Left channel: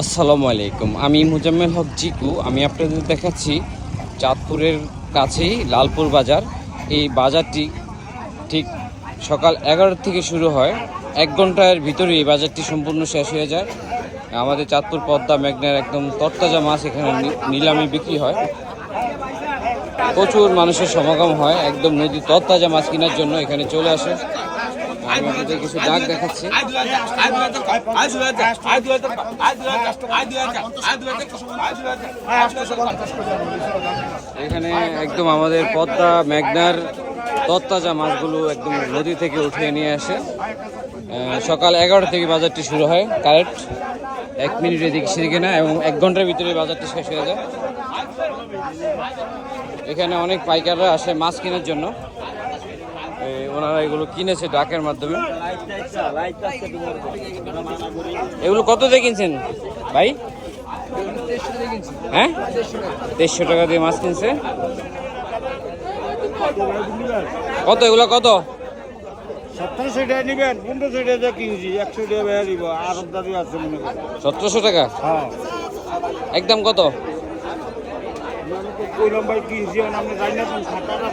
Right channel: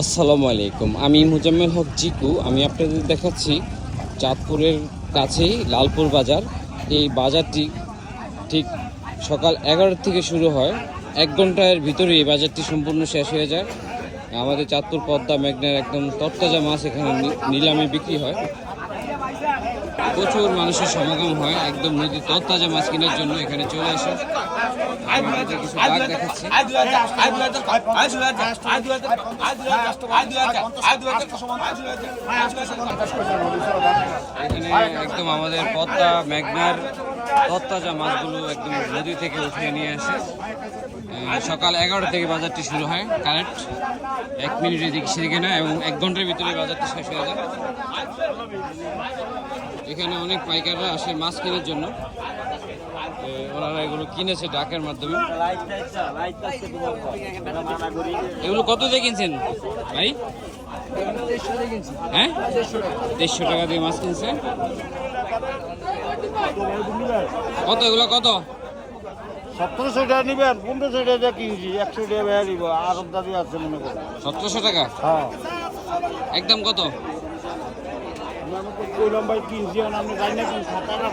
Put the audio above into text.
আসসালামু আলাইকুম। আমি মুজাম্মেল হক জিকু। আমি আপনাদের দেখাচ্ছি চাঁদপুরের কাছেই লালপুর বাজার। এই বাজারটি ঠিক সকাল 11 থেকে শুরু হয়, 1 ঘন্টার ভিতরে এই বাজারটি সম্পূর্ণ শেষ হয়ে যায়। আমাদের চাঁদপুর পদ্মা মেঘনার একদম তরতাজা মাছ এখানে নিলামে বিক্রি হয়। প্রচুর মানুষের সমাগম হয়, একদম নদীর তরতাজা মাছ কেনার জন্য এখানে চলে আসে। আমি আপনাদের কিছু ডাক দেখাচ্ছি। এখানে একদম আমাদের পদ্মা মেঘনার তরতাজা মাছগুলো একদম নদী থেকে উঠিয়ে নিয়ে আসে। সকাল 11 থেকে বাজারটি শুরু হয়, কারেক্ট 1 মিনিটের দিকে সেরে কেনা এবং 1 ঘন্টার ভিতরে বাজারটি শেষ হয়ে যায়। এখানে অনেক পাইকাররা আসে মাছ কেনার জন্য। ওনারা এগুলো কিনেছে ডাকের মাধ্যমে। এগুলো কত দিয়ে কিনছেন ভাই? হ্যাঁ, 150 টাকা দিয়ে মাছ কিনছে। কত এগুলো কত? 1700 টাকা নিবেন, 1500 টাকা কিনছি, 100 টাকা বেড়ে দিব। আর দাদি আছে 1700 টাকা একদম। কত কইলাম ভাই কিনছি, আপনি জানি না কিনছি টাকা